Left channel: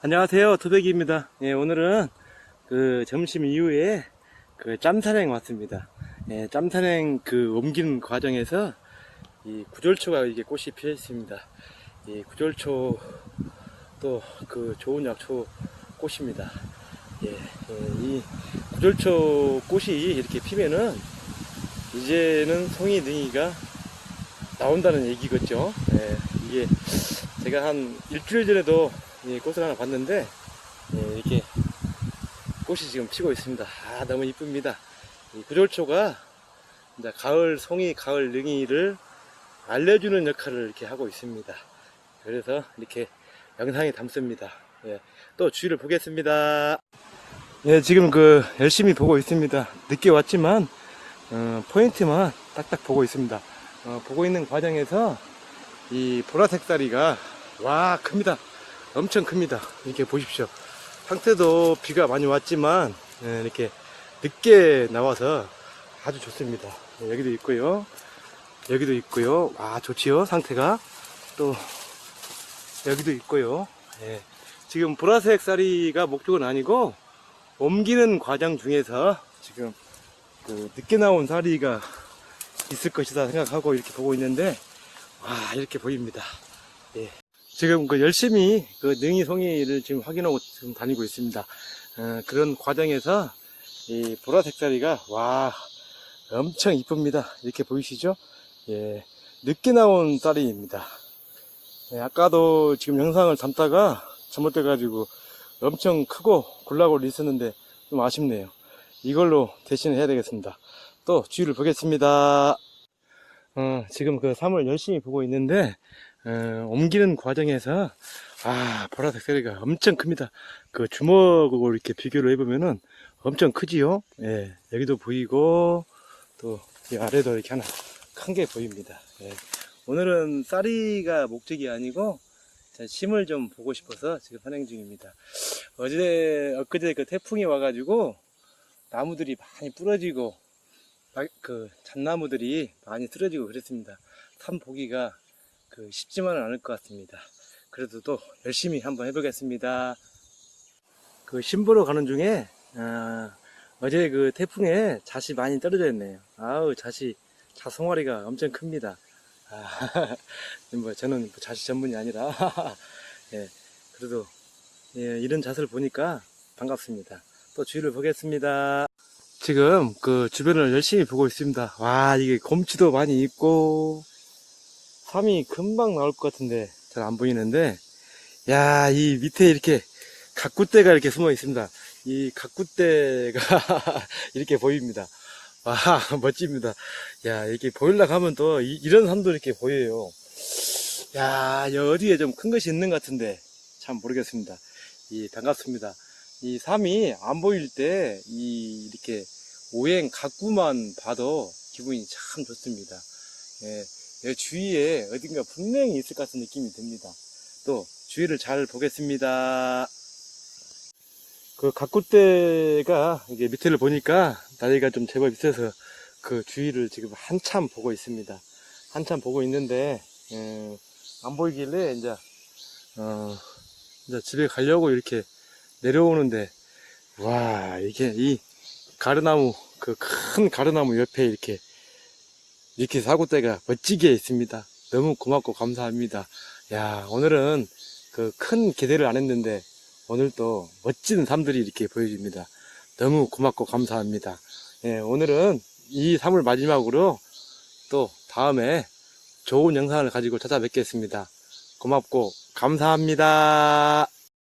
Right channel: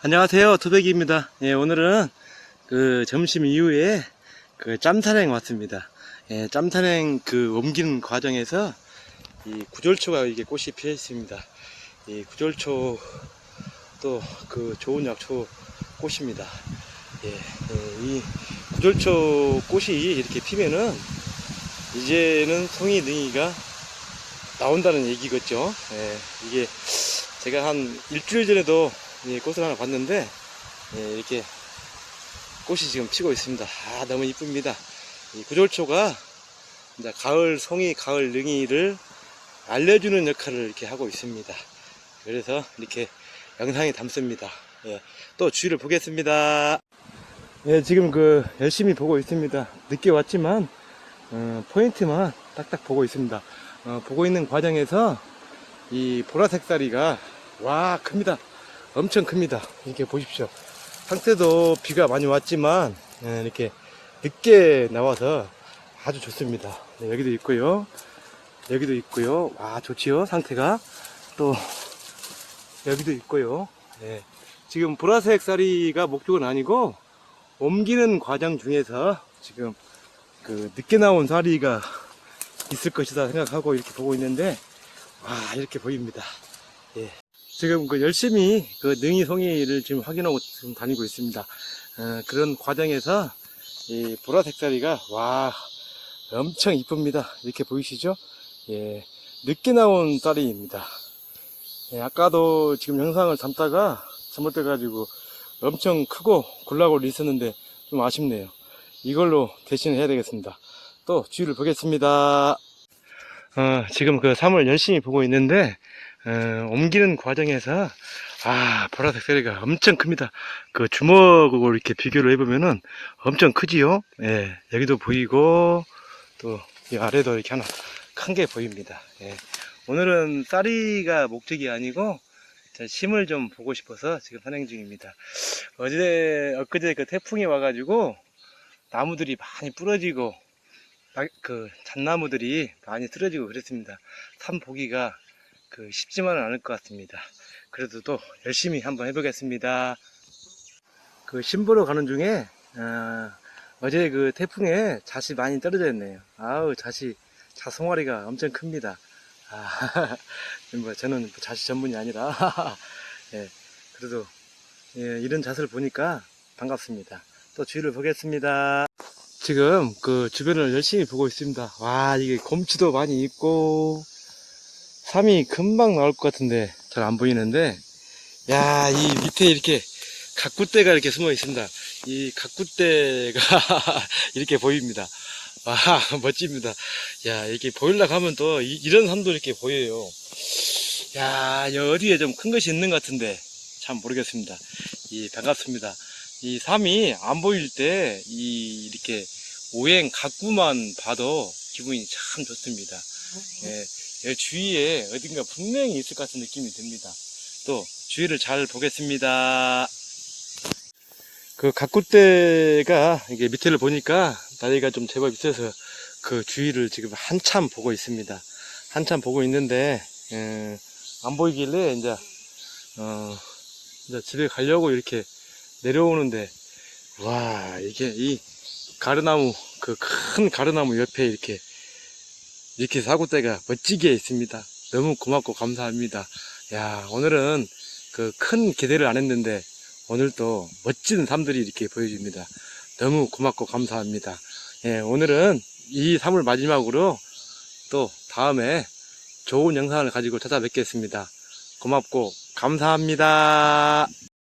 안녕하세요. 토백이입니다. 예, 오늘은 그 점심 이후에 그 짬산행 왔습니다. 예, 짬산행 그 옮기는 과정에서 이 구절초가 이게 꽃이 피어 있습니다. 이 구절초 또 그 좋은 약초 꽃입니다. 예, 예, 이 구절초 꽃이 이렇게 피면은 이제는 송이 능이가 나온다는 얘기겠죠. 예, 이게 제가 한 일주일 전에도 이 꽃을 하나 봤는데 예, 이렇게 꽃이 지금 피고 있습니다. 아 너무 이쁩니다. 이 구절초가 이제 가을 송이, 가을 능이를 알려주는 역할을 이렇게 하고 있습니다. 그래서 이렇게 영상에 담습니다. 예, 또 주위를 보겠습니다. 예, 지금 그 열심히 보고 있습니다. 늦게 왔지만 어, 포인트만 딱딱 보고 있습니다. 어, 보고 있는 과정에서 이 보라색 다리가 와 큽니다. 엄청 큽니다. 이렇게 보십시오. 상태도 비가 많이 왔지만 예, 이렇게 늦게 나와서 아주 좋습니다. 네, 여기도 있고요. 여기도 있고요. 와 좋지요 상태가 또 여기도 있고요. 예, 지금 보라색 쌀이가 목적은 아니고 옮기는 과정 중에서 지금 그 늦게 나온 쌀이가 있을 것이다 생각하고 이렇게 보고 있는데 와 이렇게 보입니다. 예. 지금 그 열심히 그 능이 송이를 지금 확인하고 지금 다니고 있습니다. 어, 그런 과정에서 이 보라색 쌀이가 와 엄청 이쁩니다. 이렇게 보이시죠? 예, 늦게 나온 쌀이입니다. 예, 아까도 지금 영상을 담다가 잘못돼가지고 엄청 크고 굴락으로 있었는데 좀 아쉽네요. 이걸로 대신 해야 되겠습니다. 또 주위를 보겠습니다. 어, 지금 그 3을 열심히 보고 있는데 어, 옮기는 과정에서 아 보라색 쌀이가 엄청 큽니다. 그 주먹으로 이렇게 비교를 해보면은 엄청 크지요. 예, 여기도 보이고 또 이 아래도 이렇게 하나 큰 게 보입니다. 예. 오늘은 쌀이가 목적이 아니고 제 심을 좀 보고 싶어서 지금 선행 중입니다. 어제 엊그제 그 태풍이 와가지고 나무들이 많이 부러지고 막- 그 잣나무들이 많이 쓰러지고 그랬습니다. 산 보기가 그 쉽지만은 않을 것 같습니다. 그래도 또 열심히 한번 해보겠습니다. 그 신보러 가는 중에 어, 제 그 태풍에 잣이 많이 떨어져 있네요. 아우 잣이 잣송아리가 엄청 큽니다. 아, 뭐 저는 잣이 전문이 아니라 예, 그래도 예, 이런 잣을 보니까 반갑습니다. 또 주위를 보겠습니다. 지금 그 주변을 열심히 보고 있습니다. 와 이게 곰치도 많이 있고 삼이 금방 나올 것 같은데 잘 안 보이는데 야 이 밑에 이렇게 가꾸대가 이렇게 숨어 있습니다. 이 가꾸대가 이렇게 보입니다. 와 멋집니다. 야 이렇게 보일락 하면 또 이, 런 산도 이렇게 보여요. 야 여기 어디에 좀 큰 것이 있는 것 같은데 참 모르겠습니다. 이 반갑습니다. 이 삼이 안 보일 때 이 이렇게 오행 가꾸만 봐도 기분이 참 좋습니다. 예, 주위에 어딘가 분명히 있을 것 같은 느낌이 듭니다. 또 주위를 잘 보겠습니다. 그 가꾸대가 이게 밑에를 보니까 나이가 좀 제법 있어서 그 주위를 지금 한참 보고 있습니다. 한참 보고 있는데 예, 안 보이길래 이제 어, 이제 집에 가려고 이렇게 내려오는데 와 이게 이 가르나무 그 큰 가르나무 옆에 이렇게 이렇게 사고대가 멋지게 있습니다. 너무 고맙고 감사합니다. 야 오늘은 그 큰 기대를 안 했는데 오늘도 멋진 삶들이 이렇게 보여집니다. 너무 고맙고 감사합니다. 예, 오늘은 이 삶을 마지막으로 또 다음에 좋은 영상을 가지고 찾아뵙겠습니다. 고맙고 감사합니다.